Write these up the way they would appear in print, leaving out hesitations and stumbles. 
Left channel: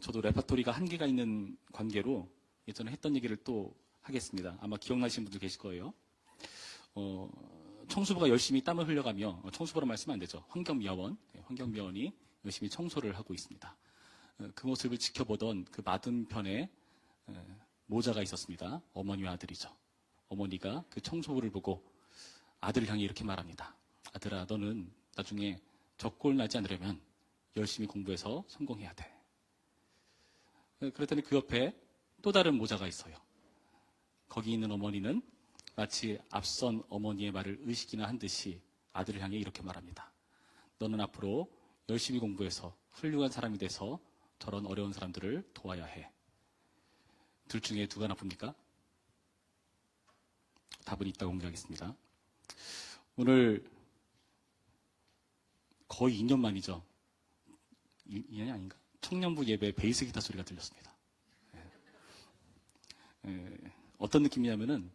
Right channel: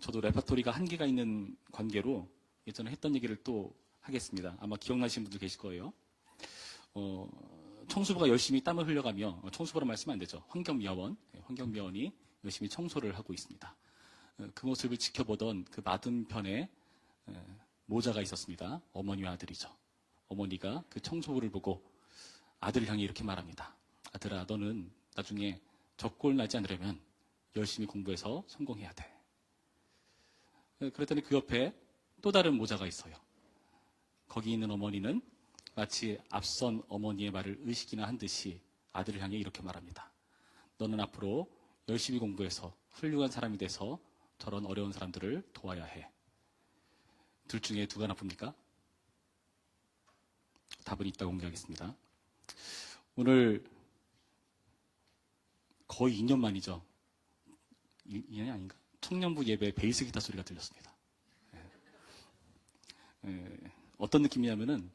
저도 레퍼토리가 한계가 있는 관계로 예전에 했던 얘기를 또 하겠습니다. 아마 기억나시는 분도 계실 거예요. 청소부가 열심히 땀을 흘려가며, 청소부란 말씀은 안 되죠. 환경미화원이 열심히 청소를 하고 있습니다. 그 모습을 지켜보던 그 맞은편에 모자가 있었습니다. 어머니와 아들이죠. 어머니가 그 청소부를 보고 아들을 향해 이렇게 말합니다. 아들아, 너는 나중에 적골 나지 않으려면 열심히 공부해서 성공해야 돼. 그랬더니 그 옆에 또 다른 모자가 있어요. 거기 있는 어머니는 마치 앞선 어머니의 말을 의식이나 한 듯이 아들을 향해 이렇게 말합니다. 너는 앞으로 열심히 공부해서 훌륭한 사람이 돼서 저런 어려운 사람들을 도와야 해. 둘 중에 누가 나쁩니까? 답은 이따 공개하겠습니다. 오늘 거의 2년 만이죠. 2년이 아닌가? 청년부 예배 베이스 기타 소리가 들렸습니다. 어떤 느낌이냐면은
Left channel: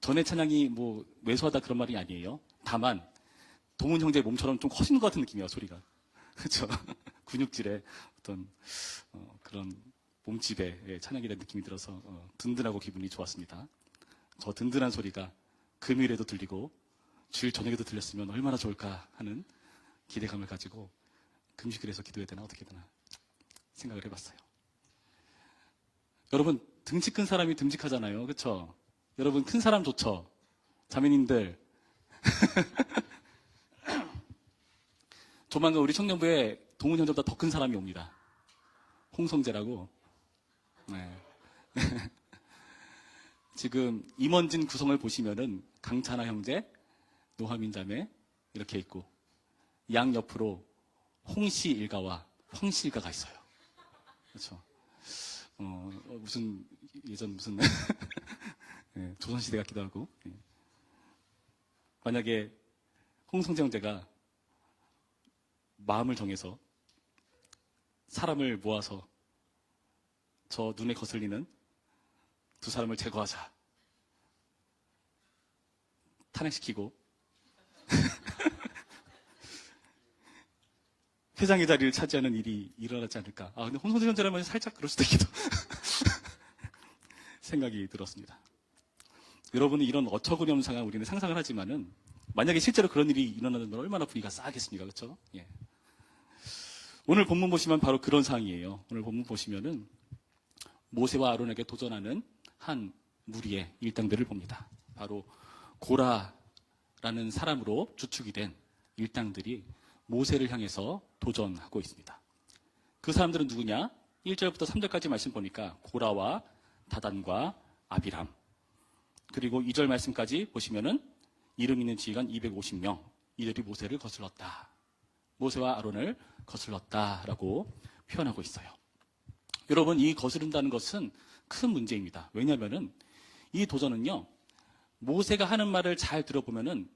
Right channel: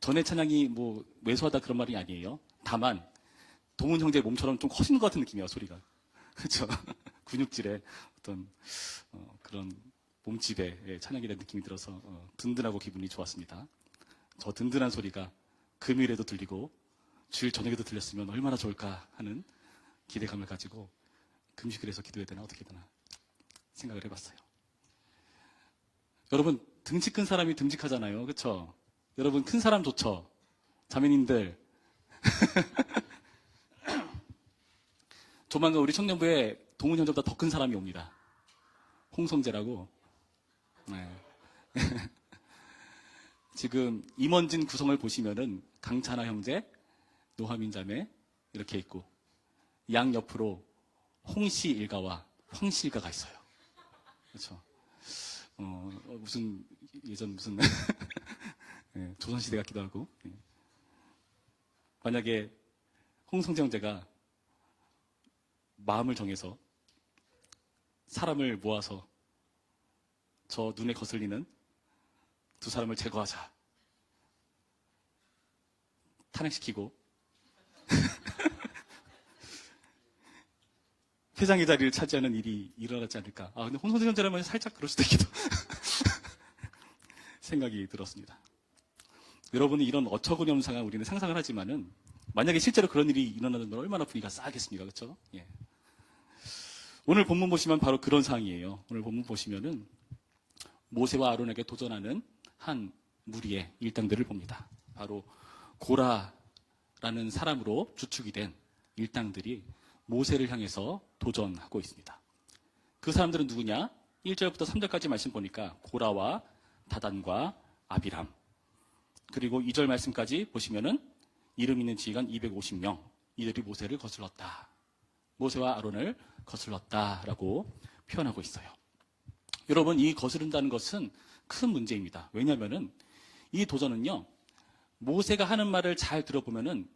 전의 찬양이 뭐 왜소하다 그런 말이 아니에요. 다만 동훈 형제 몸처럼 좀 커진 것 같은 느낌이에요, 소리가. 그렇죠? 근육질의 어떤 그런 몸집의 찬양이 된 느낌이 들어서 든든하고 기분이 좋았습니다. 저 든든한 소리가 금요일에도 들리고 주일 저녁에도 들렸으면 얼마나 좋을까 하는 기대감을 가지고 금식을 해서 기도해야 되나 어떻게 되나 생각을 해봤어요. 여러분, 등치 큰 사람이 듬직하잖아요. 그렇죠? 여러분, 큰 사람 좋죠? 자매님들. 조만간 우리 청년부에 동훈 형보다 더 큰 사람이 옵니다. 홍성재라고. 네. 지금 임원진 구성을 보시면은 강찬아 형제, 노하민 자매 이렇게 있고 양 옆으로 홍씨 일가와 황씨 일가가 있어요. 그렇죠? 무슨 예전 무슨 네, 조선시대 같기도 하고. 네. 만약에 홍성재 형제가 마음을 정해서 사람을 모아서 저 눈에 거슬리는 두 사람을 제거하자. 탄핵시키고 회장의 자리를 차지하는 일이 일어나지 않을까. 근데 홍성재 형제라면 살짝 그럴 수도 있기도 생각이 들었습니다. 여러분이 이런 어처구니없는 상황 우리는 상상을 하지만은 만약에 실제로 그런 일이 일어나면 얼마나 분위기가 싸하겠습니까? 그렇죠? 예. 오늘 본문 보시면 바로 그런 상황이에요. 오늘 본문 보시면은 모세와 아론에게 도전하는 한 무리의 일당들을 봅니다. 바로 고라라는 사람으로 주축이 된 일당들이 모세를 향해서 도전하고 있습니다. 그 사람들은 누구냐? 1절부터 3절까지 말씀 보니까 고라와 다단과 아비람, 그리고 2절 말씀까지 보시면은 이름 있는 지휘관 250명, 이들이 모세를 거슬렀다. 모세와 아론을 거슬렀다라고 표현하고 있어요. 여러분, 이 거스른다는 것은 큰 문제입니다. 왜냐하면은 이 도전은요, 모세가 하는 말을 잘 들어보면은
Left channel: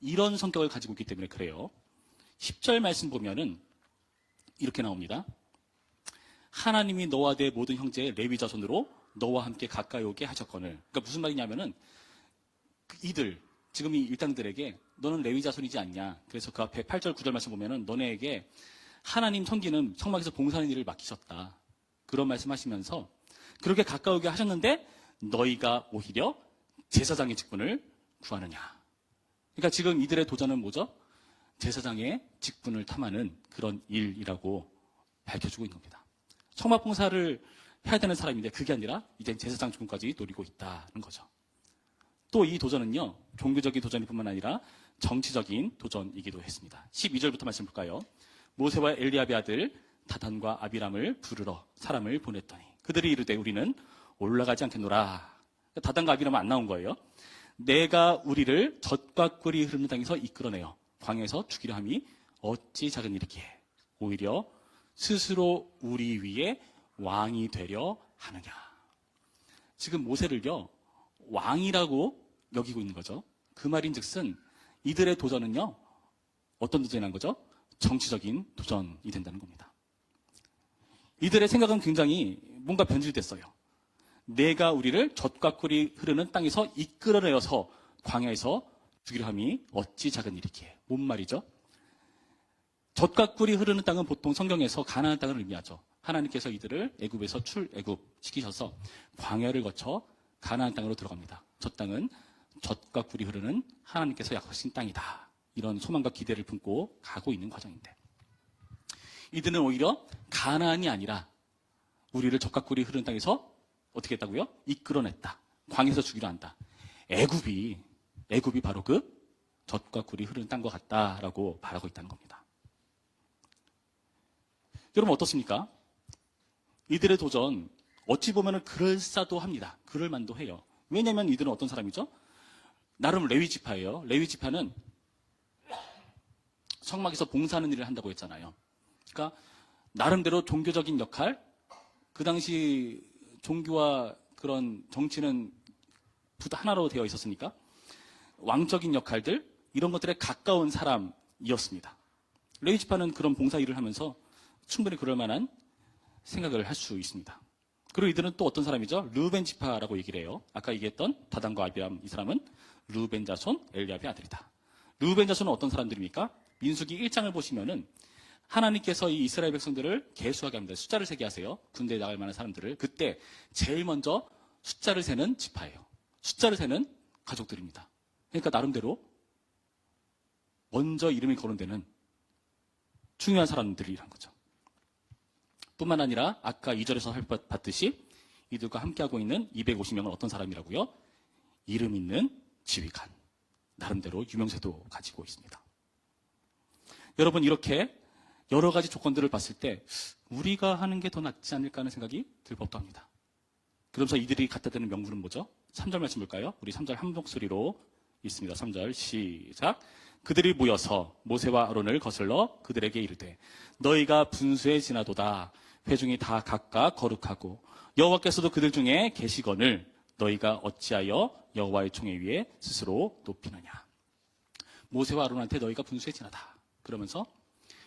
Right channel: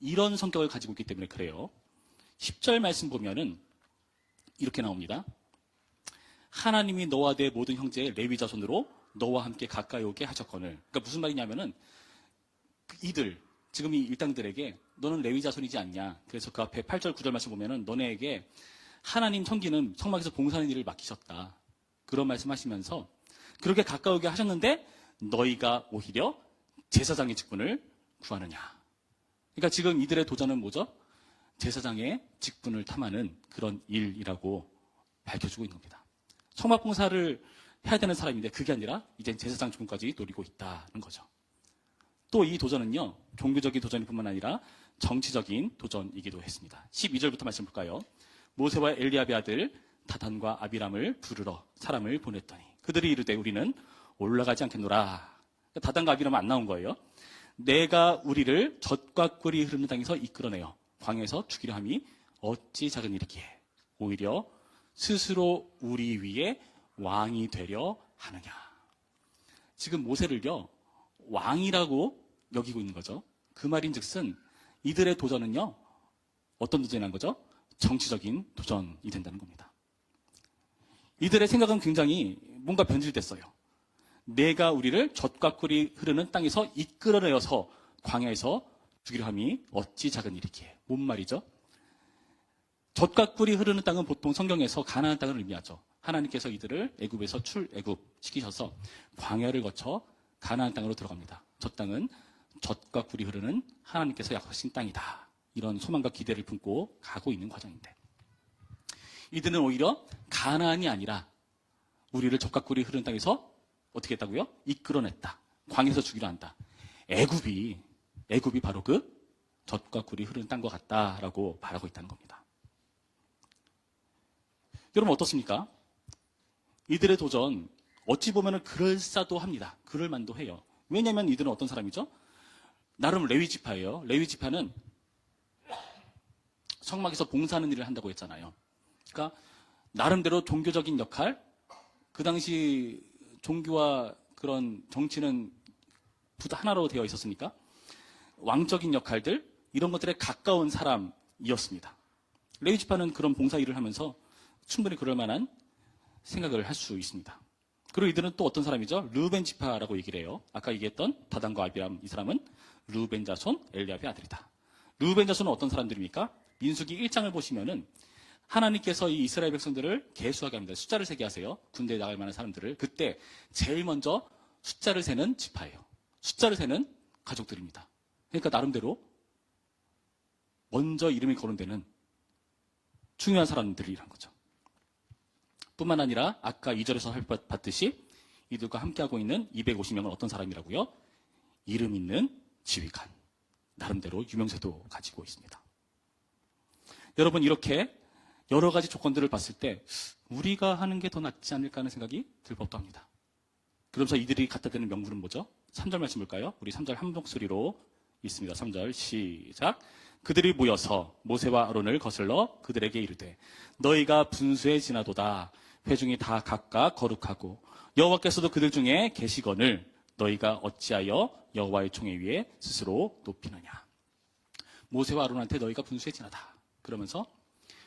이런 성격을 가지고 있기 때문에 그래요. 10절 말씀 보면은 이렇게 나옵니다. 하나님이 너와 내 모든 형제의 레위 자손으로 너와 함께 가까이 오게 하셨거늘. 그러니까 무슨 말이냐면은 이들, 지금 이 일당들에게 너는 레위 자손이지 않냐. 그래서 그 앞에 8절 9절 말씀 보면은 너네에게 하나님 섬기는 성막에서 봉사하는 일을 맡기셨다. 그런 말씀하시면서 그렇게 가까우게 하셨는데 너희가 오히려 제사장의 직분을 구하느냐. 그러니까 지금 이들의 도전은 뭐죠? 제사장의 직분을 탐하는 그런 일이라고 밝혀주고 있는 겁니다. 성막 봉사를 해야 되는 사람인데 그게 아니라 이제 제사장 직분까지 노리고 있다는 거죠. 또 이 도전은요, 종교적인 도전일 뿐만 아니라 정치적인 도전이기도 했습니다. 12절부터 말씀 볼까요? 모세와 엘리압의 아들 다단과 아비람을 부르러 사람을 보냈더니 그들이 이르되 우리는 올라가지 않겠노라. 다단과 아비람은 안 나온 거예요. 내가 우리를 젖과 꿀이 흐르는 땅에서 이끌어내어 광야에서 죽이려 함이 어찌 작은 일이기에 오히려 스스로 우리 위에 왕이 되려 하느냐. 지금 모세를요, 왕이라고 여기고 있는 거죠. 그 말인즉슨 이들의 도전은요, 어떤 도전이란 거죠? 정치적인 도전이 된다는 겁니다. 이들의 생각은 굉장히 뭔가 변질됐어요. 내가 우리를 젖과 꿀이 흐르는 땅에서 이끌어내어서 광야에서 죽이려 함이 어찌 작은 일이기에. 뭔 말이죠? 젖과 꿀이 흐르는 땅은 보통 성경에서 가나안 땅을 의미하죠. 하나님께서 이들을 애굽에서 출애굽시키셔서 광야를 거쳐 가나안 땅으로 들어갑니다. 저 땅은 젖과 꿀이 흐르는 하나님께서 약속하신 땅이다. 이런 소망과 기대를 품고 가고 있는 과정인데, 이들은 오히려 가나안이 아니라 우리를 젖과 꿀이 흐르는 땅에서 어떻게 했다고요? 이끌어냈다. 광야에서 죽이려 한다. 애굽이 바로 그 젖과 꿀이 흐르는 땅과 같다라고 말하고 있다는 겁니다. 여러분 어떻습니까? 이들의 도전 어찌 보면 그럴싸도 합니다. 그럴만도 해요. 왜냐하면 이들은 어떤 사람이죠? 나름 레위 지파예요. 레위 지파는 성막에서 봉사하는 일을 한다고 했잖아요. 그러니까 나름대로 종교적인 역할, 그 당시 종교와 그런 정치는 하나로 되어 있었으니까 왕적인 역할들, 이런 것들에 가까운 사람이었습니다. 레위 지파는 그런 봉사 일을 하면서 충분히 그럴 만한 생각을 할 수 있습니다. 그리고 이들은 또 어떤 사람이죠? 르우벤 지파라고 얘기를 해요. 아까 얘기했던 다단과 아비람, 이 사람은 르우벤 자손 엘리압의 아들이다. 르우벤 자손은 어떤 사람들입니까? 민수기 1장을 보시면은 하나님께서 이 이스라엘 백성들을 계수하게 합니다. 숫자를 세게 하세요. 군대에 나갈 만한 사람들을. 그때 제일 먼저 숫자를 세는 지파예요. 숫자를 세는 가족들입니다. 그러니까 나름대로 먼저 이름이 거론되는 중요한 사람들이란 거죠. 뿐만 아니라 아까 2절에서 살펴봤듯이 이들과 함께하고 있는 250명은 어떤 사람이라고요? 이름 있는 지휘관. 나름대로 유명세도 가지고 있습니다. 여러분, 이렇게 여러 가지 조건들을 봤을 때 우리가 하는 게 더 낫지 않을까 하는 생각이 들 법도 합니다. 그러면서 이들이 갖다 대는 명분은 뭐죠? 3절 말씀 볼까요? 우리 3절 한 목소리로 읽습니다. 3절 시작. 그들이 모여서 모세와 아론을 거슬러 그들에게 이르되 너희가 분수에 지나도다. 회중이 다 각각 거룩하고 여호와께서도 그들 중에 계시거늘 너희가 어찌하여 여호와의 총회 위에 스스로 높이느냐. 모세와 아론한테 너희가 분수에 지나다. 그러면서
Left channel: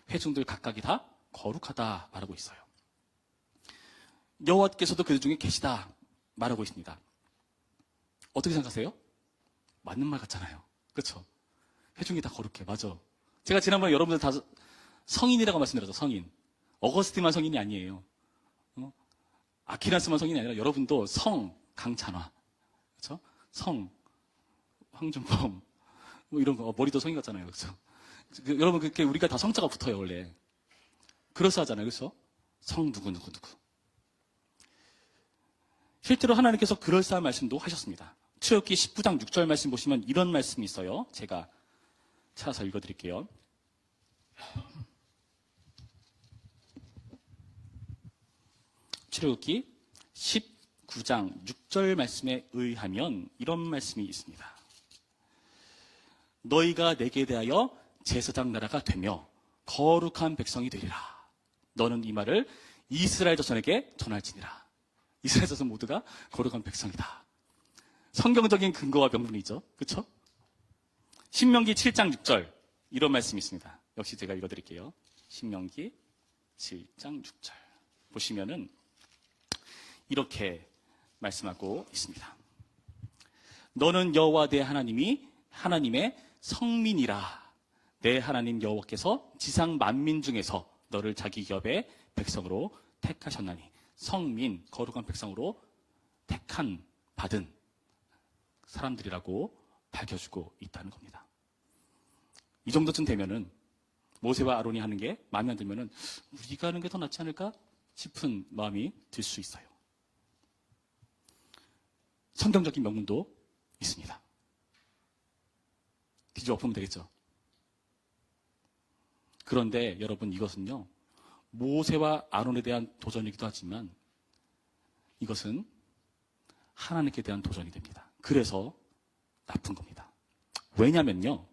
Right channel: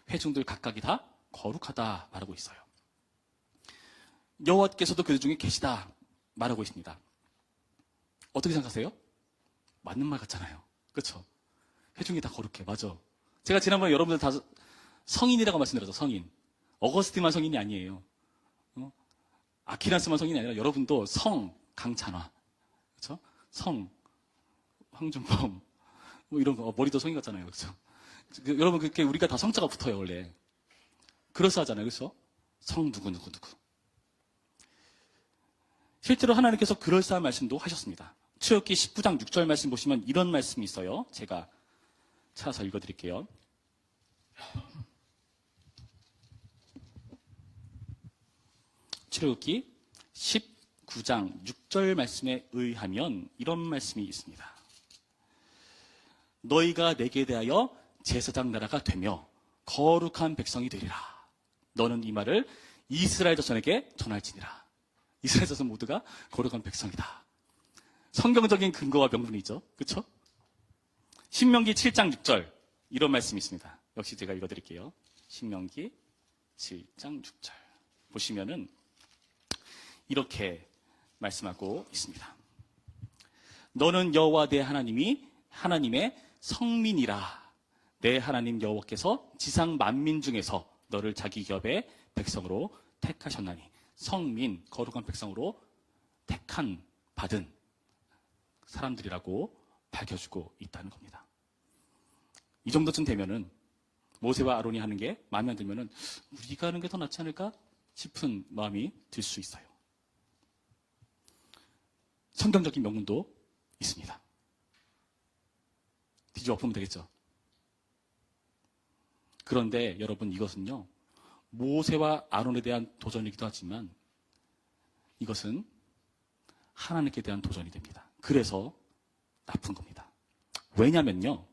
회중들 각각이 다 거룩하다 말하고 있어요. 여호와께서도 그들 중에 계시다 말하고 있습니다. 어떻게 생각하세요? 맞는 말 같잖아요. 그렇죠? 회중이 다 거룩해. 맞아. 제가 지난번에 여러분들 다 성인이라고 말씀드렸죠. 성인. 어거스틴만 성인이 아니에요. 아키라스만 성인이 아니라 여러분도 성 강찬화, 그렇죠? 성 황준범 뭐 이런 거 머리도 성인 같잖아요. 그렇죠? 여러분 그렇게 우리가 다 성자가 붙어요 원래. 그럴싸하잖아요. 그렇죠? 성 누구. 실제로 하나님께서 그럴싸한 말씀도 하셨습니다. 출애굽기 19장 6절 말씀 보시면 이런 말씀이 있어요. 제가 찾아서 읽어드릴게요. 출애굽기 19장 6절 말씀에 의하면 이런 말씀이 있습니다. 너희가 내게 대하여 제사장 나라가 되며 거룩한 백성이 되리라. 너는 이 말을 이스라엘 자손에게 전할지니라. 이스라엘 자손 모두가 거룩한 백성이다. 성경적인 근거와 명분이죠. 그렇죠? 신명기 7장 6절 이런 말씀이 있습니다. 역시 제가 읽어드릴게요. 신명기 7장 6절 보시면은 이렇게 말씀하고 있습니다. 너는 여호와 내 하나님이 하나님의 성민이라. 내 하나님 여호와께서 지상 만민 중에서 너를 자기 기업의 백성으로 택하셨나니. 성민, 거룩한 백성으로 택한 받은 사람들이라고 밝혀주고 있다는 겁니다. 이 정도쯤 되면은 모세와 아론이 하는 게 마음에 안 들면은 우리가 하는 게 더 낫지 않을까 싶은 마음이 들 수 있어요. 성경적인 명분도 있습니다. 뒤집어 엎으면 되겠죠. 그런데 여러분 이것은요, 모세와 아론에 대한 도전이기도 하지만 이것은 하나님께 대한 도전이 됩니다. 그래서 나쁜 겁니다. 왜냐면요,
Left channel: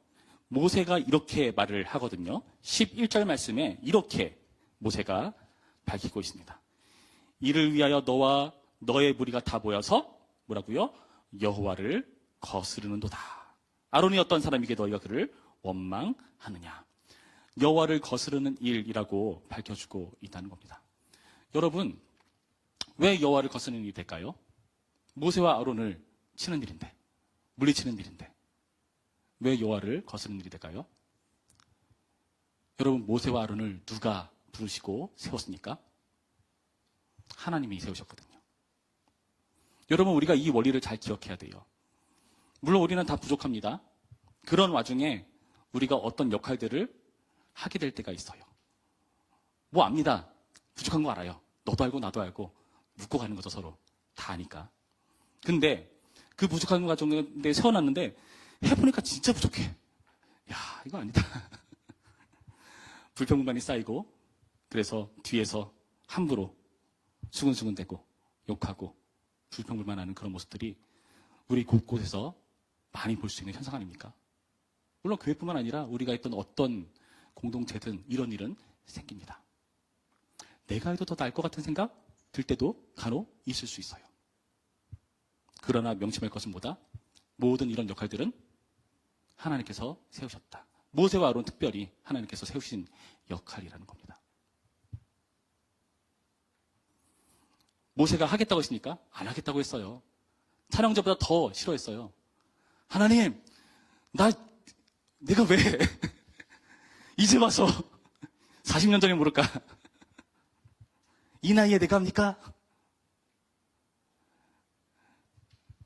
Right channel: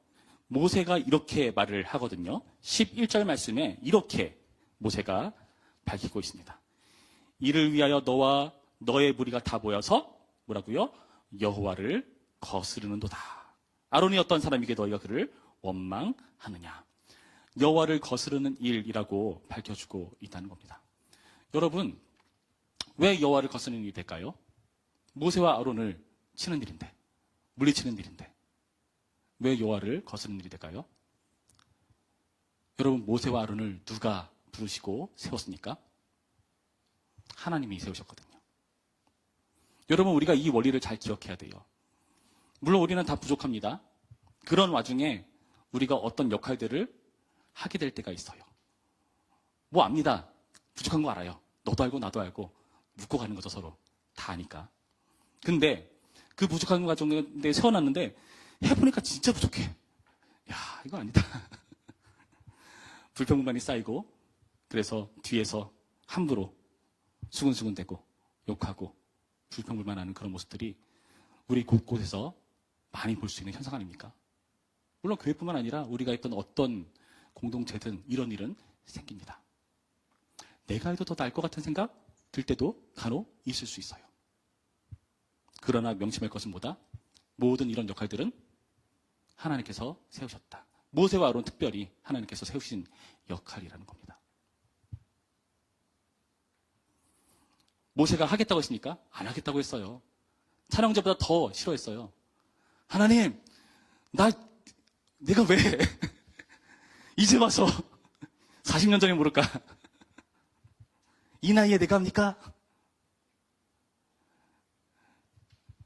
모세가 이렇게 말을 하거든요. 11절 말씀에 이렇게 모세가 밝히고 있습니다. 이를 위하여 너와 너의 무리가 다 모여서 뭐라고요? 여호와를 거스르는도다. 아론이 어떤 사람에게 너희가 그를 원망하느냐. 여호와를 거스르는 일이라고 밝혀주고 있다는 겁니다. 여러분, 왜 여호와를 거스르는 일이 될까요? 모세와 아론을 치는 일인데, 물리치는 일인데 왜 여호와를 거스르는 일이 될까요? 여러분, 모세와 아론을 누가 부르시고 세웠습니까? 하나님이 세우셨거든요. 여러분, 우리가 이 원리를 잘 기억해야 돼요. 물론 우리는 다 부족합니다. 그런 와중에 우리가 어떤 역할들을 하게 될 때가 있어요. 뭐 압니다. 부족한 거 알아요. 너도 알고 나도 알고 묻고 가는 거죠, 서로. 다 아니까. 근데 그 부족한 과정에 세워놨는데 해보니까 진짜 부족해. 야, 이거 아니다. 불평불만이 쌓이고, 그래서 뒤에서 함부로 수근수근대고 욕하고 불평불만하는 그런 모습들이 우리 곳곳에서 많이 볼 수 있는 현상 아닙니까? 물론 교회뿐만 아니라 우리가 있던 어떤 공동체든 이런 일은 생깁니다. 내가 해도 더 나을 것 같은 생각 들 때도 간혹 있을 수 있어요. 그러나 명심할 것은 뭐다? 모든 이런 역할들은 하나님께서 세우셨다. 모세와 아론 특별히 하나님께서 세우신 역할이라는 겁니다. 모세가 하겠다고 했으니까 안 하겠다고 했어요. 촬영자보다 더 싫어했어요. 하나님, 내가 왜 이제 와서 40년 전에 모를까? 이 나이에 내가 합니까?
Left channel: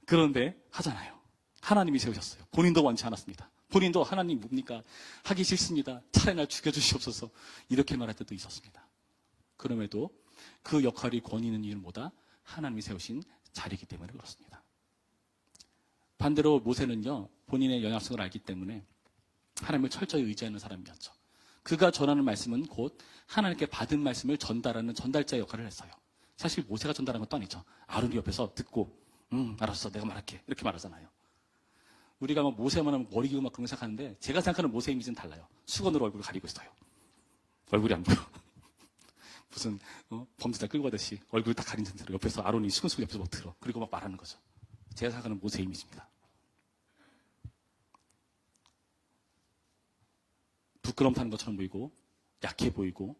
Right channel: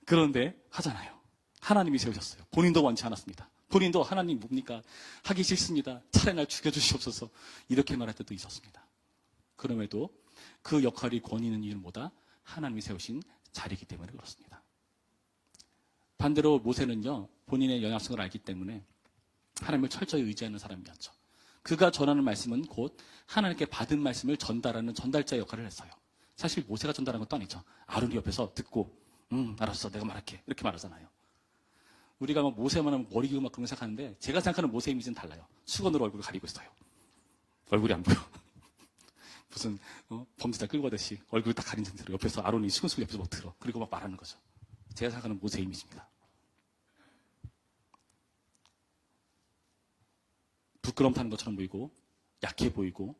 그런데 하잖아요. 하나님이 세우셨어요. 본인도 원치 않았습니다. 본인도 하나님 뭡니까? 하기 싫습니다. 차라리 날 죽여주시옵소서. 이렇게 말할 때도 있었습니다. 그럼에도 그 역할이 권위 있는 일은 뭐다? 하나님이 세우신 자리이기 때문에 그렇습니다. 반대로 모세는요, 본인의 연약성을 알기 때문에 하나님을 철저히 의지하는 사람이었죠. 그가 전하는 말씀은 곧 하나님께 받은 말씀을 전달하는 전달자 역할을 했어요. 사실 모세가 전달한 것도 아니죠. 아론이 옆에서 듣고 알았어, 내가 말할게, 이렇게 말하잖아요. 우리가 막 모세만 하면 머리 기고 막 그런 거 생각하는데 제가 생각하는 모세 이미지는 달라요. 수건으로 얼굴을 가리고 있어요. 얼굴이 안 보여. 무슨 범죄자 끌고 가듯이 얼굴 딱 가린 상태로 옆에서 아론이 수건수건 옆에서 막 들어. 그리고 막 말하는 거죠. 제가 생각하는 모세 이미지입니다. 부끄럼 타는 것처럼 보이고 약해 보이고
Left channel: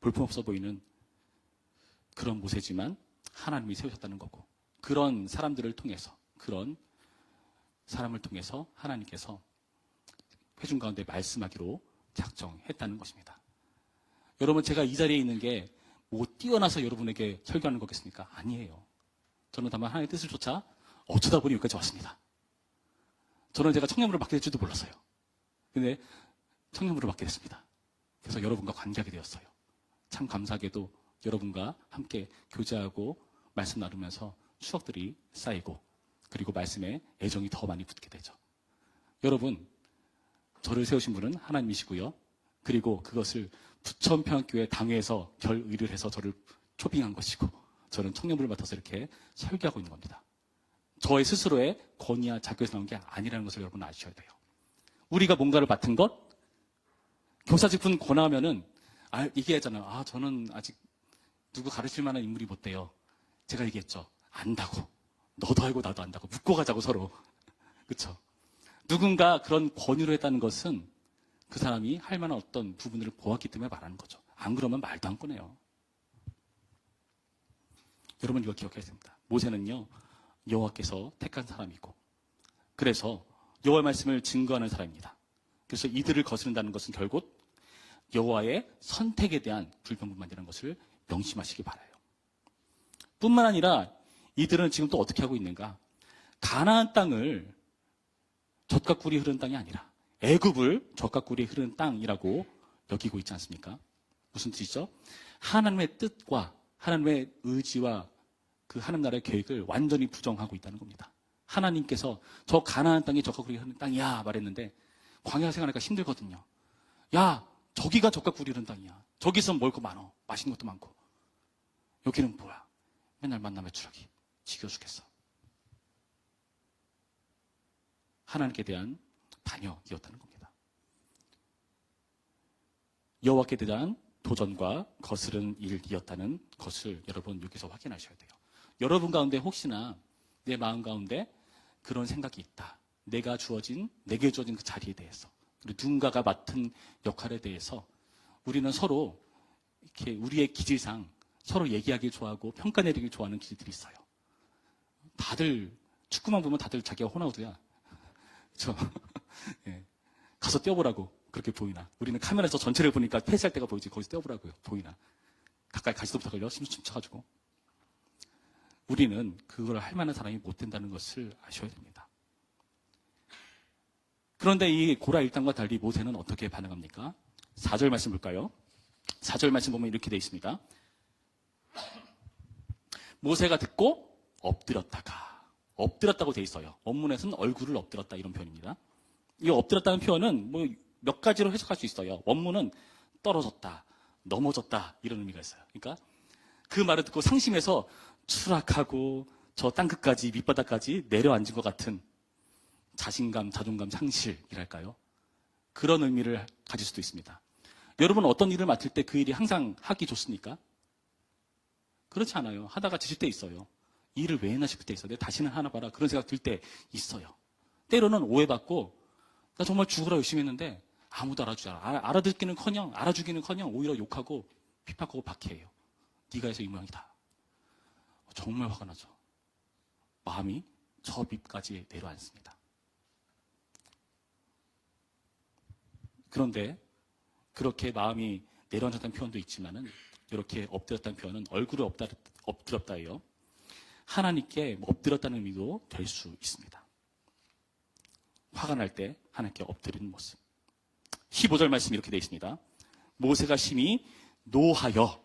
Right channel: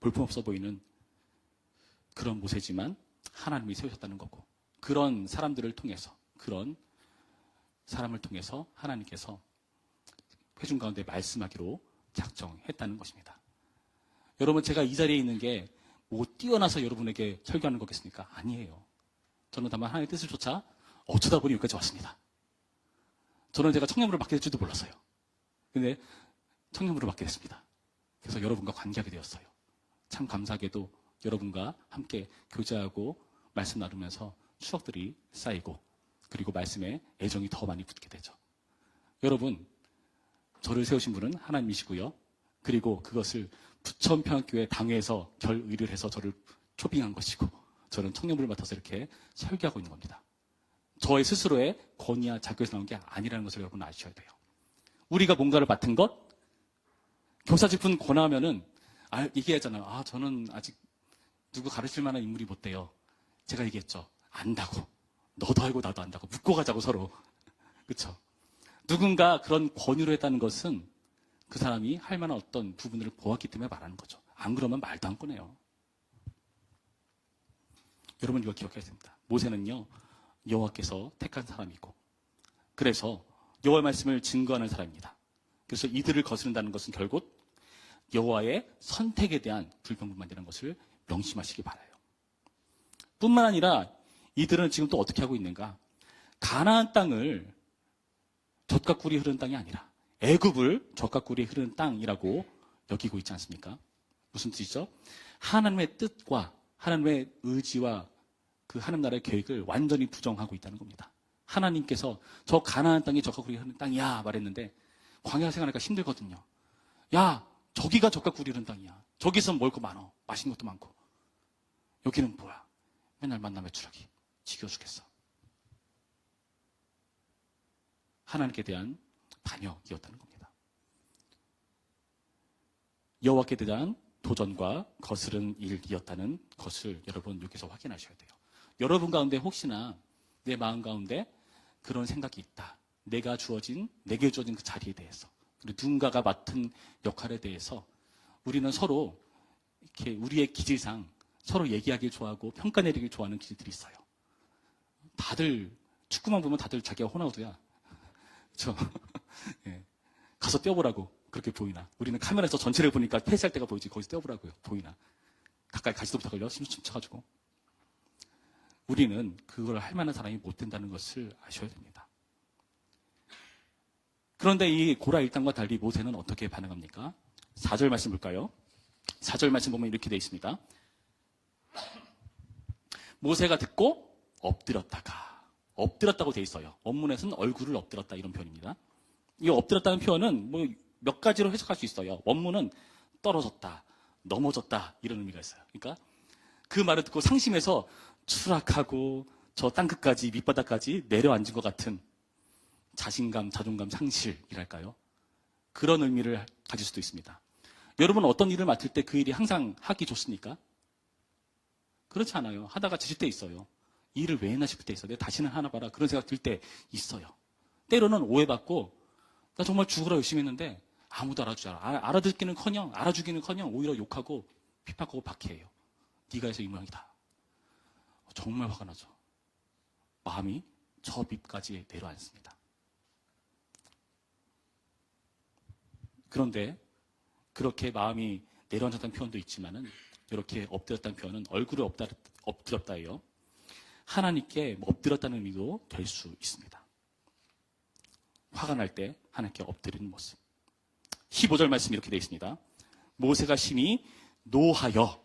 볼품없어 보이는 그런 모세지만 하나님이 세우셨다는 거고, 그런 사람들을 통해서, 그런 사람을 통해서 하나님께서 회중 가운데 말씀하기로 작정했다는 것입니다. 여러분, 제가 이 자리에 있는 게 뭐 뛰어나서 여러분에게 설교하는 거겠습니까? 아니에요. 저는 다만 하나님의 뜻을 쫓아 어쩌다 보니 여기까지 왔습니다. 저는 제가 청년부를 맡게 될 줄도 몰랐어요. 근데 청년부를 맡게 됐습니다. 그래서 여러분과 관계하게 되었어요. 참 감사하게도 여러분과 함께 교제하고 말씀 나누면서 추억들이 쌓이고, 그리고 말씀에 애정이 더 많이 붙게 되죠. 여러분, 저를 세우신 분은 하나님이시고요. 그리고 그것을 부천평교회 당회에서 결의를 해서 저를 초빙한 것이고, 저는 청년부를 맡아서 이렇게 설교하고 있는 겁니다. 저의 스스로의 권위와 자격에서 나온 게 아니라는 것을 여러분 아셔야 돼요. 우리가 뭔가를 맡은 것, 교사직분 권하면은 얘기하잖아요. 저는 아직 누구 가르칠 만한 인물이 못 돼요. 제가 얘기했죠. 안다고. 너도 알고 나도 안다고. 묻고 가자고 서로. 그렇죠? 누군가 그런 권유를 했다는 것은 그 사람이 할 만한 어떤 부분들을 보았기 때문에 말하는 거죠. 안 그러면 말도 안 꺼내요. 여러분, 이거 기억해야 됩니다. 모세는요, 여호와께서 택한 사람이고, 그래서 여호와의 말씀을 증거하는 사람입니다. 그래서 이들을 거스른다는 것은 결국 여호와의 선택에 대한 불평불만이라는 것을 명심하시기 바라요. 뿐만 아니라 이들은 지금 또 어떻게 하고 있는가? 가나안 땅을 젖과 꿀이 흐르는 땅이 아니라 애굽을 젖과 꿀이 흐르는 땅이라고 여기고 있지 않습니까? 무슨 뜻이죠? 하나님의 뜻과 하나님의 의지와 그 하나님 나라의 계획을 완전히 부정하고 있다는 겁니다. 하나님께서 저 가나안 땅이 젖과 꿀이 흐르는 땅이야 말했는데 광야 생활하기가 힘들거든요. 야, 저기가 젖과 꿀이 흐르는 땅이야. 저기서 먹을 거 많어. 맛있는 것도 많고. 여기는 뭐야? 맨날 만남의 추락이. 지겨워 죽겠어. 하나님께 대한 반역이었다는 겁니다. 여호와께 대한 도전과 거스른 일이었다는 것을 여러분 여기서 확인하셔야 돼요. 여러분 가운데 혹시나 내 마음 가운데 그런 생각이 있다. 내게 주어진 그 자리에 대해서, 그리고 누군가가 맡은 역할에 대해서 우리는 서로 이렇게 우리의 기질상 서로 얘기하길 좋아하고 평가 내리길 좋아하는 기질들이 있어요. 다들 축구만 보면 다들 자기가 호나우두야. 그렇죠? 네. 가서 뛰어보라고. 그렇게 보이나? 우리는 카메라에서 전체를 보니까 폐쇄할 때가 보이지. 거기서 떼어보라고요. 보이나? 가까이 가시도 못하고 열심히 춤춰가지고. 우리는 그걸 할 만한 사람이 못 된다는 것을 아셔야 됩니다. 그런데 이 고라 일당과 달리 모세는 어떻게 반응합니까? 4절 말씀 볼까요? 4절 말씀 보면 이렇게 되어 있습니다. 모세가 듣고 엎드렸다고 되어 있어요. 원문에서는 얼굴을 엎드렸다 이런 표현입니다. 이 엎드렸다는 표현은 뭐 몇 가지로 해석할 수 있어요. 원문은 떨어졌다, 넘어졌다 이런 의미가 있어요. 그러니까 그 말을 듣고 상심해서 추락하고 저 땅끝까지 밑바닥까지 내려앉은 것 같은 자신감, 자존감 상실이랄까요? 그런 의미를 가질 수도 있습니다. 여러분 어떤 일을 맡을 때 그 일이 항상 하기 좋습니까? 그렇지 않아요. 하다가 지칠 때 있어요. 이 일을 왜 했나 싶을 때 있어요. 내가 다시는 하나 봐라 그런 생각 들 때 있어요. 때로는 오해받고 나 정말 죽으라 열심히 했는데 아무도 알아주지 않아. 알아듣기는커녕 알아주기는커녕 오히려 욕하고 핍박하고 박해해요. 네가 해서 이 모양이다. 정말 화가 나죠. 마음이 저 밑까지 내려앉습니다. 그런데 그렇게 마음이 내려앉았다는 표현도 있지만은 이렇게 엎드렸다는 표현은 얼굴을 엎드렸다예요. 하나님께 엎드렸다는 의미도 될 수 있습니다. 화가 날 때 하나님께 엎드리는 모습. 15절 말씀이 이렇게 되어 있습니다. 모세가 심히 노하여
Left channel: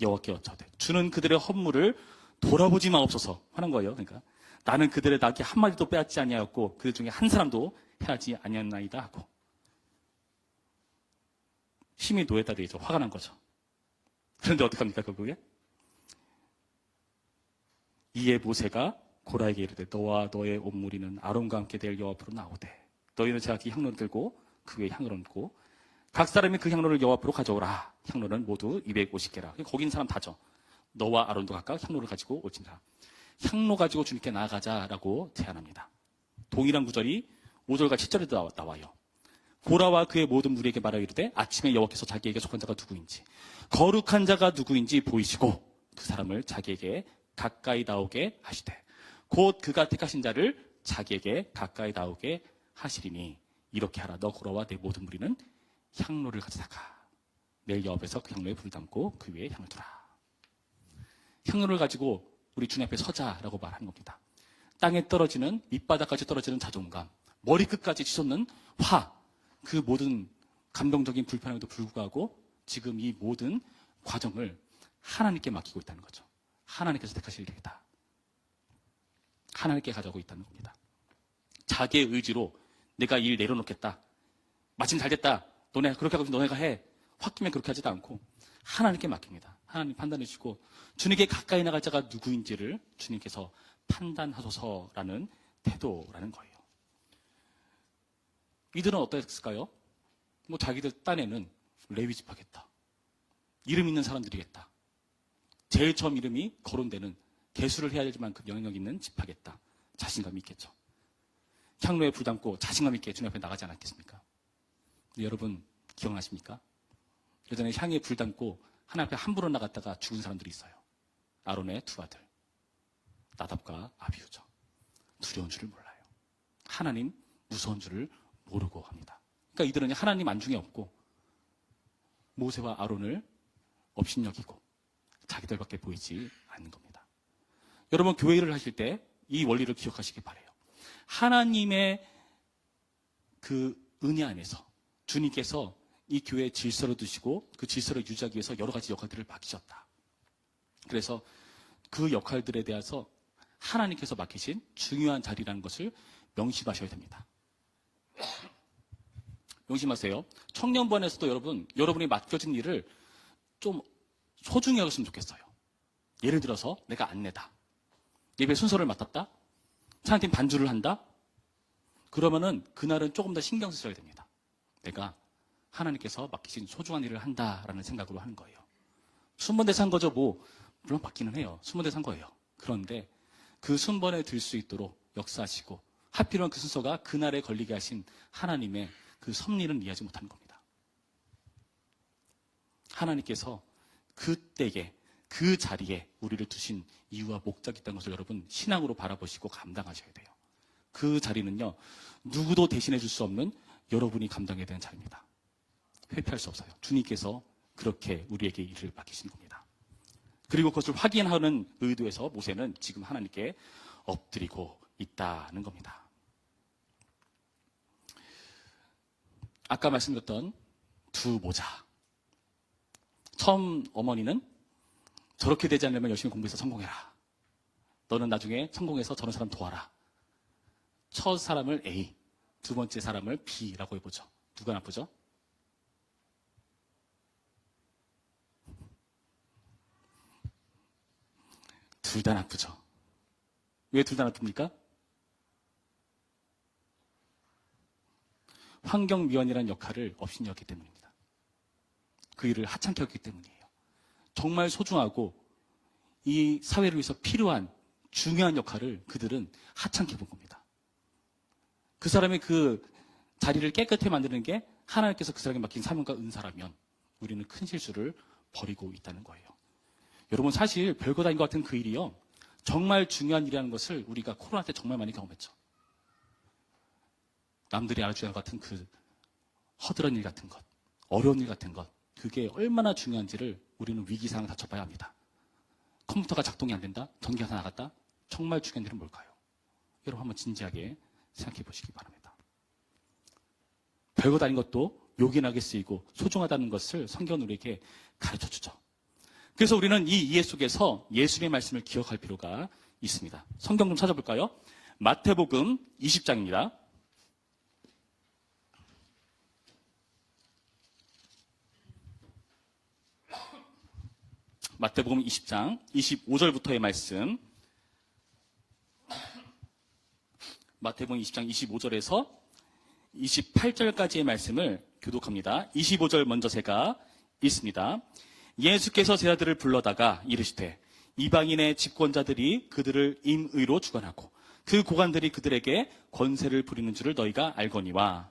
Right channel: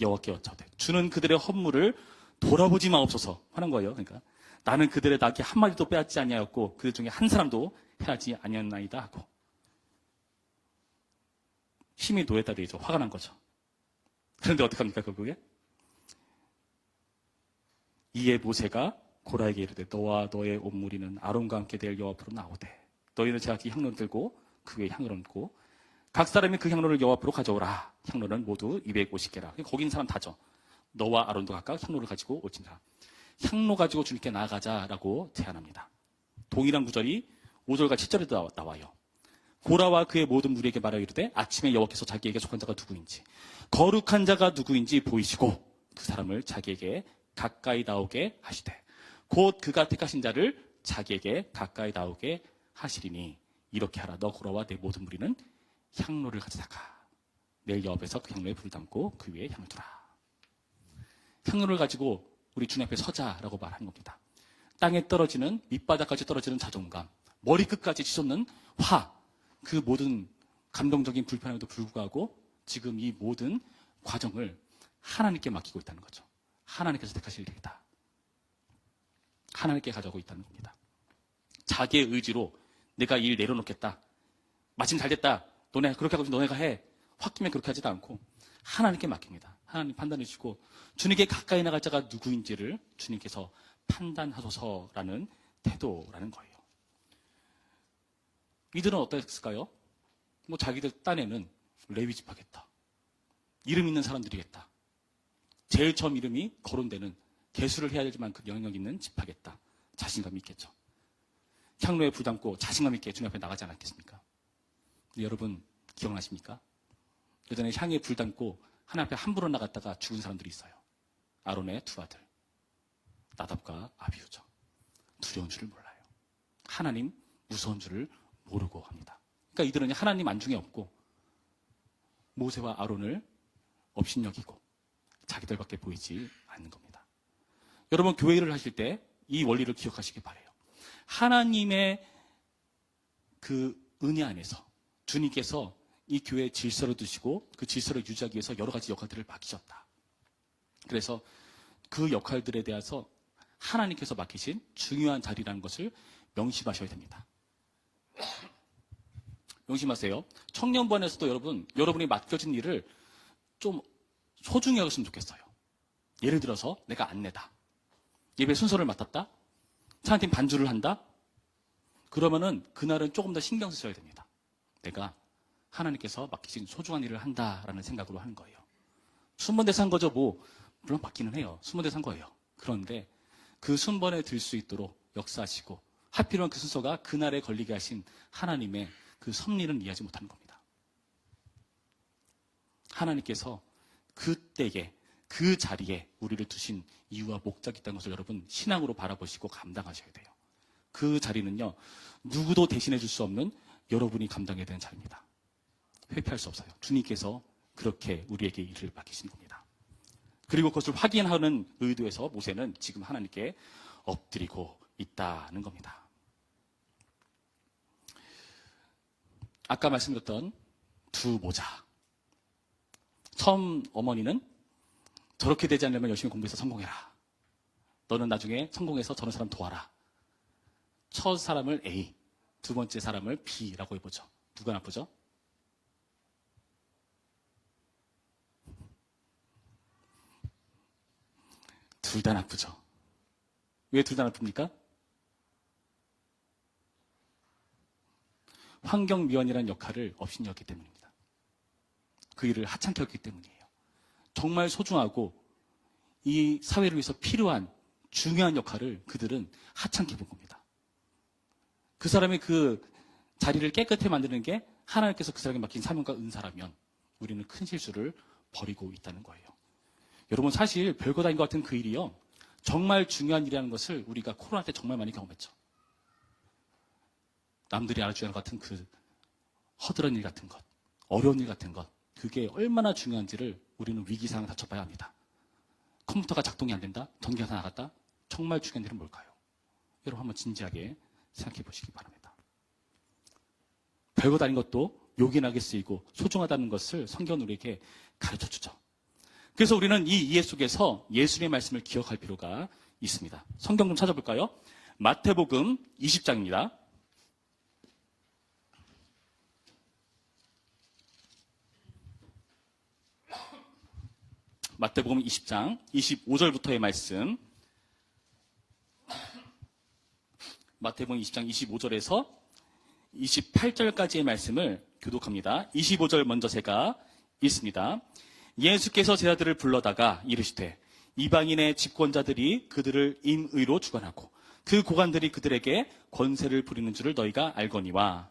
여호와께 여짜오되 주는 그들의 헌물을 돌아보지 마옵소서 하는 거예요. 그러니까 나는 그들의 낙이 한 마디도 빼앗지 아니하였고 그들 중에 한 사람도 해하지 아니하였나이다 하고 심히 노했다 되어 있죠. 화가 난 거죠. 그런데 어떡합니까 결국에? 이에 모세가 고라에게 이르되 너와 너의 온 무리는 아론과 함께 될 여호와 앞으로 나오되 너희는 제각기 향로를 들고 그 위에 향로를 얹고 각 사람이 그 향로를 여호와 앞으로 가져오라. 향로는 모두 250개라. 거기 있는 사람 다죠. 너와 아론도 각각 향로를 가지고 오지라. 향로 가지고 주님께 나아가자라고 제안합니다. 동일한 구절이 5절과 7절에 나와요. 고라와 그의 모든 무리에게 말하여 이르되 아침에 여호와께서 자기에게 속한 자가 누구인지 거룩한 자가 누구인지 보이시고 그 사람을 자기에게 가까이 나오게 하시되 곧 그가 택하신 자를 자기에게 가까이 나오게 하시리니 이렇게 하라. 너 고라와 내 모든 무리는 향로를 가져다가 내일 여호와 앞에서 그 향로에 불을 담고 그 위에 향을 두라. 향로를 가지고 우리 주님 앞에 서자라고 말하는 겁니다. 땅에 떨어지는 밑바닥까지 떨어지는 자존감, 머리끝까지 치솟는 화, 그 모든 감정적인 불편함에도 불구하고 지금 이 모든 과정을 하나님께 맡기고 있다는 거죠. 하나님께서 택하실 일이다. 하나님께 가져가고 있다는 겁니다. 자기의 의지로 내가 일 내려놓겠다. 마침 잘 됐다. 너네 그렇게 하고 너네가 해. 홧김에 그렇게 하지도 않고 하나님께 맡깁니다. 하나님 판단해 주시고 주님께 가까이 나갈 자가 누구인지를 주님께서 판단하소서라는 태도라는 거예요. 이들은 어떠했을까요? 뭐 자기들 딴에는 레위 지파겠다. 이름 있는 사람들이겠다. 제일 처음 이름이 거론되는 개수를 해야 되지만 그 영향력 있는 지파겠다. 자신감이 있겠죠. 향로에 불 담고 자신감 있게 주님 앞에 나가지 않았겠습니까? 여러분 기억나십니까? 예전에 향에 불 담고 하나님 앞에 함부로 나갔다가 죽은 사람들이 있어요. 아론의 두 아들 나답과 아비후죠. 두려운 줄을 몰라요. 하나님 무서운 줄을 모르고 합니다. 그러니까 이들은 하나님 안중에 없고 모세와 아론을 업신여기고 자기들밖에 보이지 않는 겁니다. 여러분 교회를 하실 때 이 원리를 기억하시기 바라요. 하나님의 그 은혜 안에서 주님께서 이 교회의 질서를 두시고 그 질서를 유지하기 위해서 여러 가지 역할들을 맡기셨다. 그래서 그 역할들에 대해서 하나님께서 맡기신 중요한 자리라는 것을 명심하셔야 됩니다. 명심하세요. 청년부안에서도 여러분이 맡겨진 일을 좀 소중히 여겼으면 좋겠어요. 예를 들어서 내가 안내다. 예배 순서를 맡았다. 차한테 반주를 한다. 그러면은 그날은 조금 더 신경 쓰셔야 됩니다. 내가 하나님께서 맡기신 소중한 일을 한다라는 생각으로 하는 거예요. 순번대사 한 거죠. 물론 맡기는 해요. 순번대사 한 거예요. 그런데 그 순번에 들 수 있도록 역사하시고 하필이면 그 순서가 그날에 걸리게 하신 하나님의 그 섭리는 이해하지 못하는 겁니다. 하나님께서 그때에 그 자리에 우리를 두신 이유와 목적이 있다는 것을 여러분 신앙으로 바라보시고 감당하셔야 돼요. 그 자리는요 누구도 대신해 줄 수 없는 여러분이 감당해야 되는 자리입니다. 회피할 수 없어요. 주님께서 그렇게 우리에게 일을 맡기신 겁니다. 그리고 그것을 확인하는 의도에서 모세는 지금 하나님께 엎드리고 있다는 겁니다. 아까 말씀드렸던 두 모자. 처음 어머니는 저렇게 되지 않으려면 열심히 공부해서 성공해라. 너는 나중에 성공해서 저런 사람 도와라. 첫 사람을 A, 두 번째 사람을 B라고 해보죠. 누가 나쁘죠? 둘 다 나쁘죠. 왜 둘 다 나쁩니까? 환경미화이라는 역할을 업신여겼기 때문입니다. 그 일을 하찮게 했기 때문이에요. 정말 소중하고 이 사회를 위해서 필요한 중요한 역할을 그들은 하찮게 본 겁니다. 그 사람의 그 자리를 깨끗하게 만드는 게 하나님께서 그 사람에게 맡긴 사명과 은사라면 우리는 큰 실수를 벌이고 있다는 거예요. 여러분, 사실 별거 아닌 것 같은 그 일이요, 정말 중요한 일이라는 것을 우리가 코로나 때 정말 많이 경험했죠. 남들이 알아주지 않을 것 같은 그 허드렛 일 같은 것, 어려운 일 같은 것, 그게 얼마나 중요한지를 우리는 위기상을 다쳐봐야 합니다. 컴퓨터가 작동이 안 된다? 전기가 나갔다? 정말 중요한 일은 뭘까요? 여러분, 한번 진지하게 생각해 보시기 바랍니다. 별것 아닌 것도 요긴하게 쓰이고 소중하다는 것을 성경은 우리에게 가르쳐 주죠. 그래서 우리는 이 이해 속에서 예수님의 말씀을 기억할 필요가 있습니다. 성경 좀 찾아볼까요? 마태복음 20장입니다. 마태복음 20장 25절부터의 말씀. 마태복음 20장 25절에서 28절까지의 말씀을 교독합니다. 25절 먼저 제가 읽습니다. 예수께서 제자들을 불러다가 이르시되 이방인의 집권자들이 그들을 임의로 주관하고 그 고관들이 그들에게 권세를 부리는 줄을 너희가 알거니와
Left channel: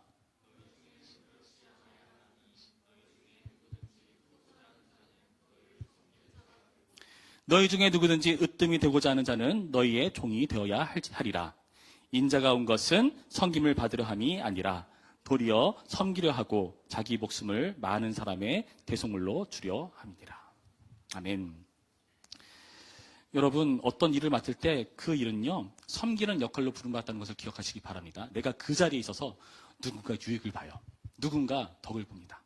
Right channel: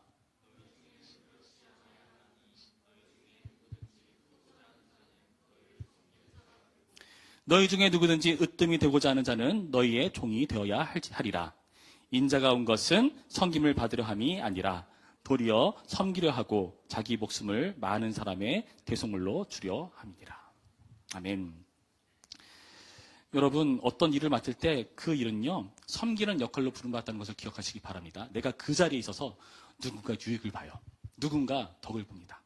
너희 중에 누구든지 으뜸이 되고자 하는 자는 너희의 종이 되어야 하리라. 인자가 온 것은 섬김을 받으려 함이 아니라 도리어 섬기려 하고 자기 목숨을 많은 사람의 대속물로 주려 함이니라. 아멘. 여러분, 어떤 일을 맡을 때 그 일은요, 섬기는 역할로 부름받았다는 것을 기억하시기 바랍니다. 내가 그 자리에 있어서 누군가 유익을 봐요. 누군가 덕을 봅니다.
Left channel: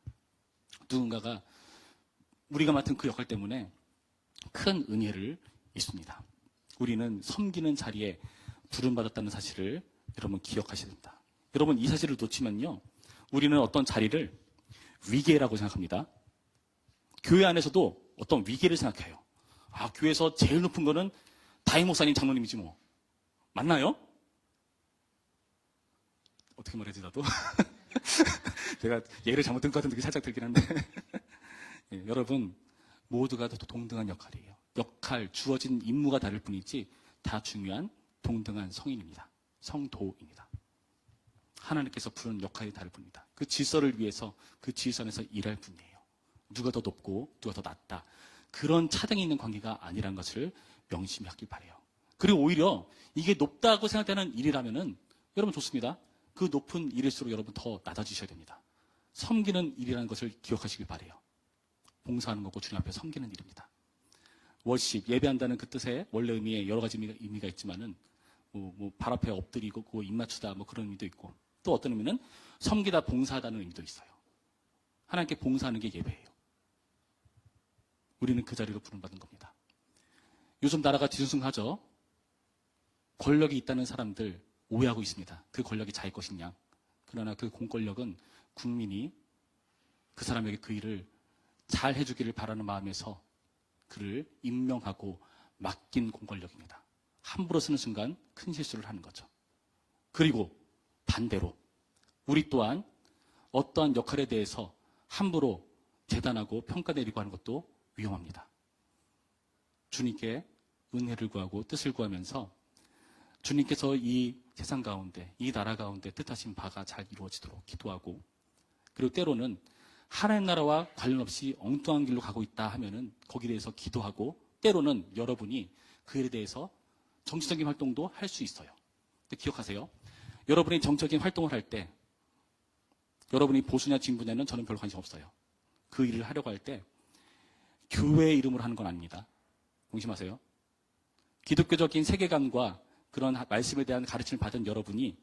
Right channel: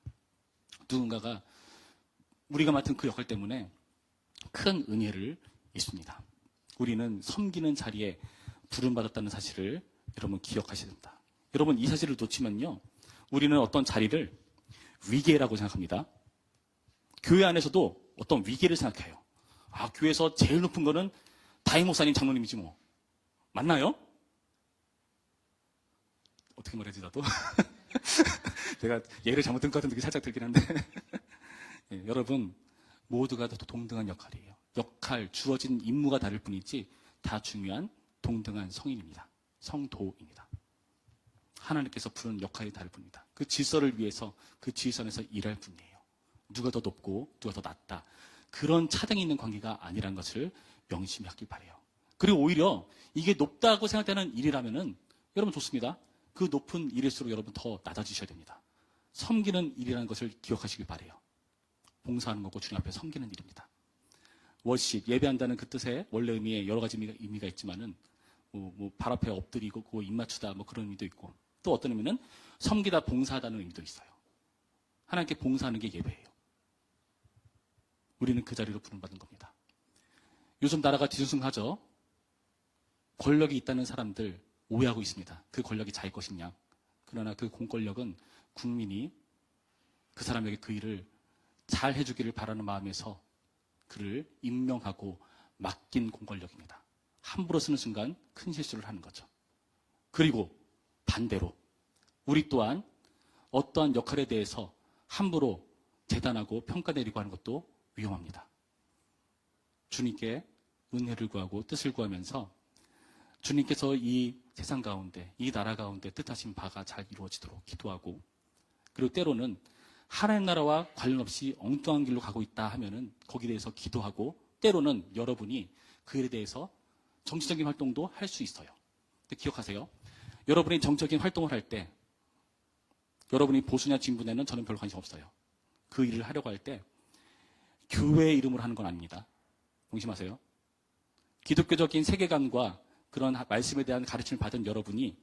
누군가가 우리가 맡은 그 역할 때문에 큰 은혜를 입습니다. 우리는 섬기는 자리에 부름받았다는 사실을 여러분 기억하셔야 됩니다. 여러분, 이 사실을 놓치면요, 우리는 어떤 자리를 위계라고 생각합니다. 교회 안에서도 어떤 위계를 생각해요. 아, 교회에서 제일 높은 거는 담임 목사님, 장로님이지 뭐. 맞나요? 어떻게 말해야지 나도? 제가 예를 잘못 든 것 같은 느낌이 살짝 들긴 한데 예, 여러분, 모두가 다 동등한 역할이에요. 역할, 주어진 임무가 다를 뿐이지 다 중요한 동등한 성인입니다. 성도입니다. 하나님께서 부른 역할이 다를 뿐입니다. 그 질서를 위해서 그 질서 안에서 일할 뿐이에요. 누가 더 높고 누가 더 낮다, 그런 차등이 있는 관계가 아니라는 것을 명심히 하길 바라요. 그리고 오히려 이게 높다고 생각되는 일이라면은 여러분 좋습니다. 그 높은 일일수록 여러분 더 낮아지셔야 됩니다. 섬기는 일이라는 것을 기억하시길 바라요. 봉사하는 거고 주님 앞에 섬기는 일입니다. 워십, 예배한다는 그 뜻의 원래 의미에 여러 가지 의미가 있지만은 발 앞에 엎드리고 그 입 맞추다 뭐 그런 의미도 있고, 또 어떤 의미는 섬기다, 봉사하다는 의미도 있어요. 하나님께 봉사하는 게 예배예요. 우리는 그 자리로 부름받은 겁니다. 요즘 나라가 뒤숭숭하죠. 권력이 있다는 사람들 오해하고 있습니다. 그 권력이 자기 것이냐. 그러나 그 공권력은 국민이 그 사람에게 그 일을 잘 해주기를 바라는 마음에서 그를 임명하고 맡긴 공권력입니다. 함부로 쓰는 순간 큰 실수를 하는 거죠. 그리고 반대로 우리 또한 어떠한 역할에 대해서 함부로 재단하고 평가내리고 하는 것도 위험합니다. 주님께 은혜를 구하고 뜻을 구하면서 주님께서 이 세상 가운데, 이 나라 가운데 뜻하신 바가 잘 이루어지도록 기도하고, 그리고 때로는 하나님 나라와 관련 없이 엉뚱한 길로 가고 있다 하면은 거기에 대해서 기도하고, 때로는 여러분이 그 일에 대해서 정치적인 활동도 할 수 있어요. 근데 기억하세요. 여러분이 정치적인 활동을 할 때 여러분이 보수냐 진보냐는 저는 별 관심 없어요. 그 일을 하려고 할 때 교회의 이름으로 하는 건 아닙니다. 명심하세요. 기독교적인 세계관과 그런 말씀에 대한 가르침을 받은 여러분이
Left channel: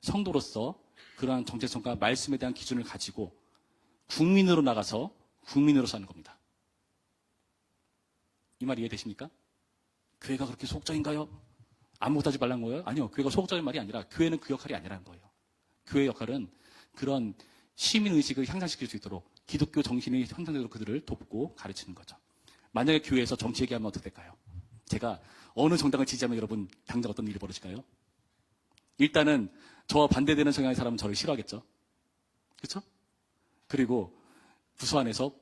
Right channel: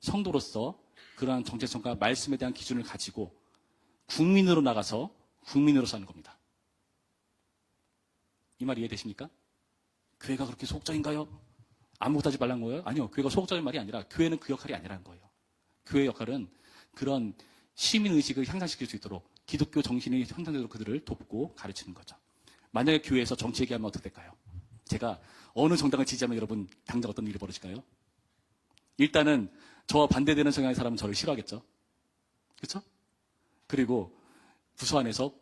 성도로서 그러한 정체성과 말씀에 대한 기준을 가지고 국민으로 나가서 국민으로 사는 겁니다. 이 말 이해되십니까? 교회가 그렇게 소극적인가요? 아무것도 하지 말라는 거예요? 아니요. 교회가 소극적인 말이 아니라 교회는 그 역할이 아니라는 거예요. 교회의 역할은 그런 시민의식을 향상시킬 수 있도록 기독교 정신이 향상되도록 그들을 돕고 가르치는 거죠. 만약에 교회에서 정치 얘기하면 어떻게 될까요? 제가 어느 정당을 지지하면 여러분 당장 어떤 일이 벌어질까요? 일단은 저와 반대되는 성향의 사람은 저를 싫어하겠죠. 그렇죠? 그리고 부서 안에서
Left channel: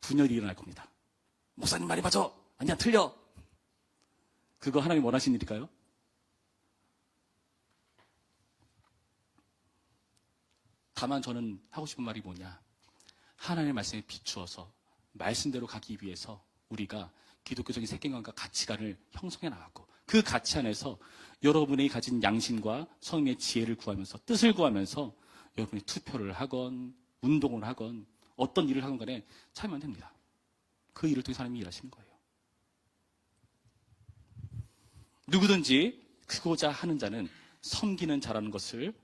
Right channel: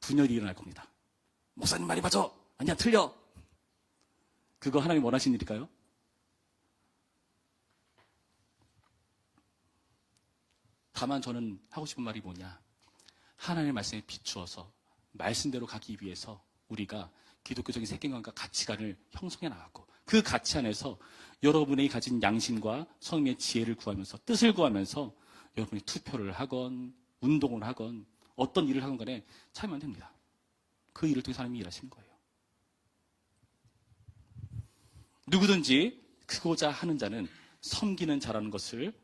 분열이 일어날 겁니다. 목사님 말이 맞아. 아니야, 틀려. 그거 하나님 원하시는 일일까요? 다만 저는 하고 싶은 말이 뭐냐. 하나님의 말씀에 비추어서 말씀대로 가기 위해서 우리가 기독교적인 세계관과 가치관을 형성해 나갔고 그 가치 안에서 여러분이 가진 양심과 성령의 지혜를 구하면서 뜻을 구하면서 여러분이 투표를 하건 운동을 하건 어떤 일을 하건 간에 참여하면 됩니다. 그 일을 통해서 하나님이 일하시는 거예요. 누구든지 크고자 하는 자는 섬기는 자라는 것을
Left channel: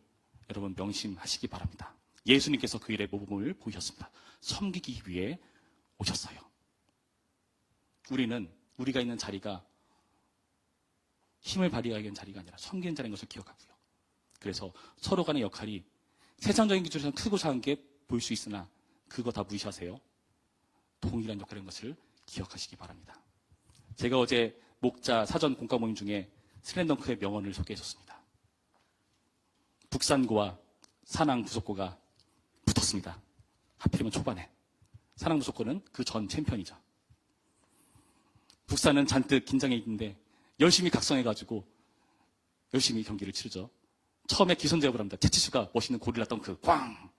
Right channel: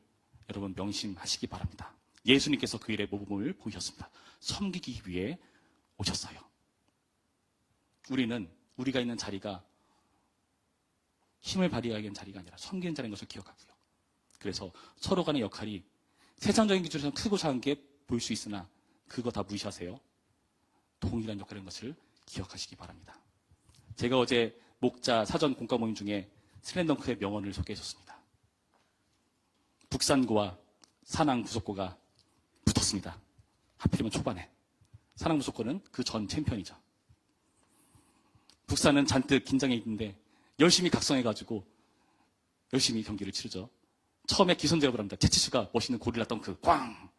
여러분 명심하시기 바랍니다. 예수님께서 그 일의 모범을 보이셨습니다. 섬기기 위해 오셨어요. 우리는 우리가 있는 자리가 힘을 발휘하기 위한 자리가 아니라 섬기는 자리인 것을 기억하고요. 그래서 서로 간의 역할이 세상적인 기준에서는 크고 작은 게 보일 수 있으나 그거 다 무시하세요. 동일한 역할인 것을 기억하시기 바랍니다. 제가 어제 목자 사전 공과 모임 중에 슬램덩크의 명언을 소개해줬습니다. 북산고와 산왕 부속고가 붙었습니다. 하필이면 초반에. 산왕 부속고는 그 전 챔피언이죠. 북산은 잔뜩 긴장해 있는데 열심히 각성해가지고 열심히 경기를 치르죠. 처음에 기선제압을 합니다. 채치수가 멋있는 고릴라 덩크 꽝!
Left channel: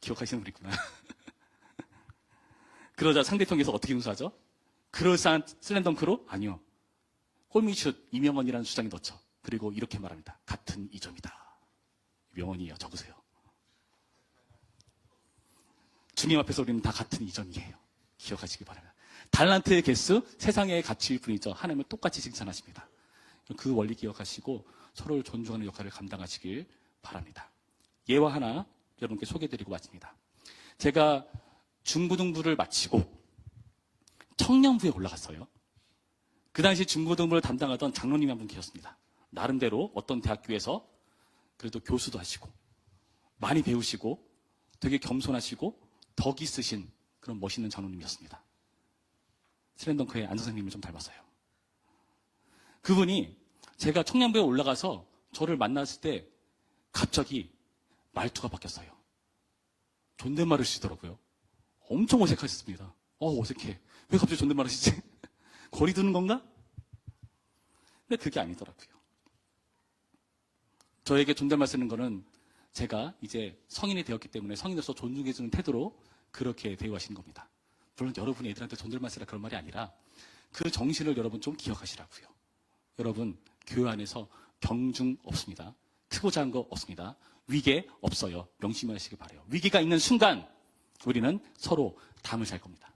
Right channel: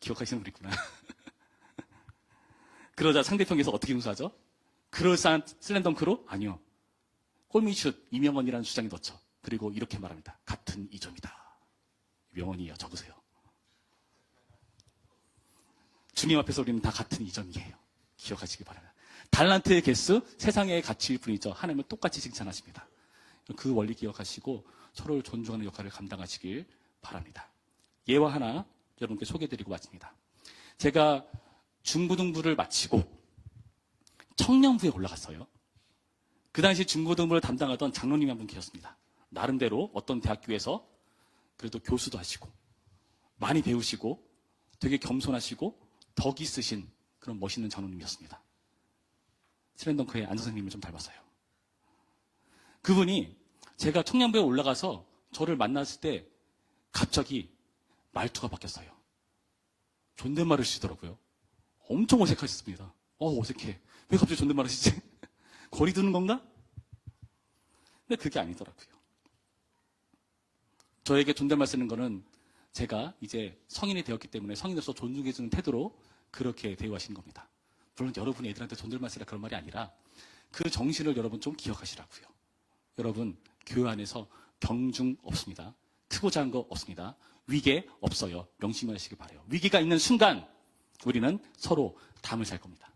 기억하시는 분 있구나. 그러자 상대편에서 어떻게 응수하죠? 그럴싸한 슬램덩크로? 아니요. 골밑슛 이명원이라는 주장이 넣죠. 그리고 이렇게 말합니다. 같은 2점이다. 명언이에요. 적으세요. 주님 앞에서 우리는 다 같은 2점이에요. 기억하시기 바랍니다. 달란트의 개수, 세상의 가치일 뿐이죠. 하나님을 똑같이 칭찬하십니다. 그 원리 기억하시고 서로를 존중하는 역할을 감당하시길 바랍니다. 예화 하나 여러분께 소개해드리고 마칩니다. 제가 중고등부를 마치고 청년부에 올라갔어요. 그 당시 중고등부를 담당하던 장로님이 한 분 계셨습니다. 나름대로 어떤 대학교에서 그래도 교수도 하시고 많이 배우시고 되게 겸손하시고 덕이 있으신 그런 멋있는 장로님이었습니다. 슬램덩크의 안 선생님을 좀 닮았어요. 그분이 제가 청년부에 올라가서 저를 만났을 때 갑자기 말투가 바뀌었어요. 존댓말을 쓰시더라고요. 엄청 어색하셨습니다. 어색해. 왜 갑자기 존댓말을 쓰지? 거리 두는 건가? 근데 그게 아니더라고요. 저에게 존댓말 쓰는 거는 제가 이제 성인이 되었기 때문에 성인으로서 존중해주는 태도로 그렇게 대우하시는 겁니다. 물론 여러분이 애들한테 존댓말 쓰라 그런 말이 아니라 그 정신을 여러분 좀 기억하시라고요. 여러분 교회 안에서 경중 없습니다. 크고 작은 거 없습니다. 위계 없어요. 명심하시기 바라요. 위계가 있는 순간 우리는 서로 담을 살 겁니다.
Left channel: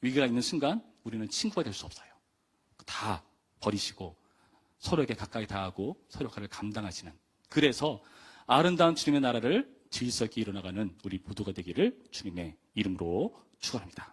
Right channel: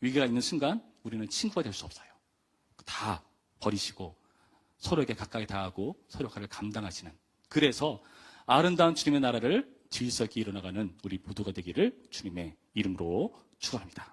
위계가 있는 순간 우리는 친구가 될 수 없어요. 다 버리시고 서로에게 가까이 다하고 서로 역할을 감당하시는, 그래서 아름다운 주님의 나라를 질서 있게 이뤄나가는 우리 모두가 되기를 주님의 이름으로 축원합니다.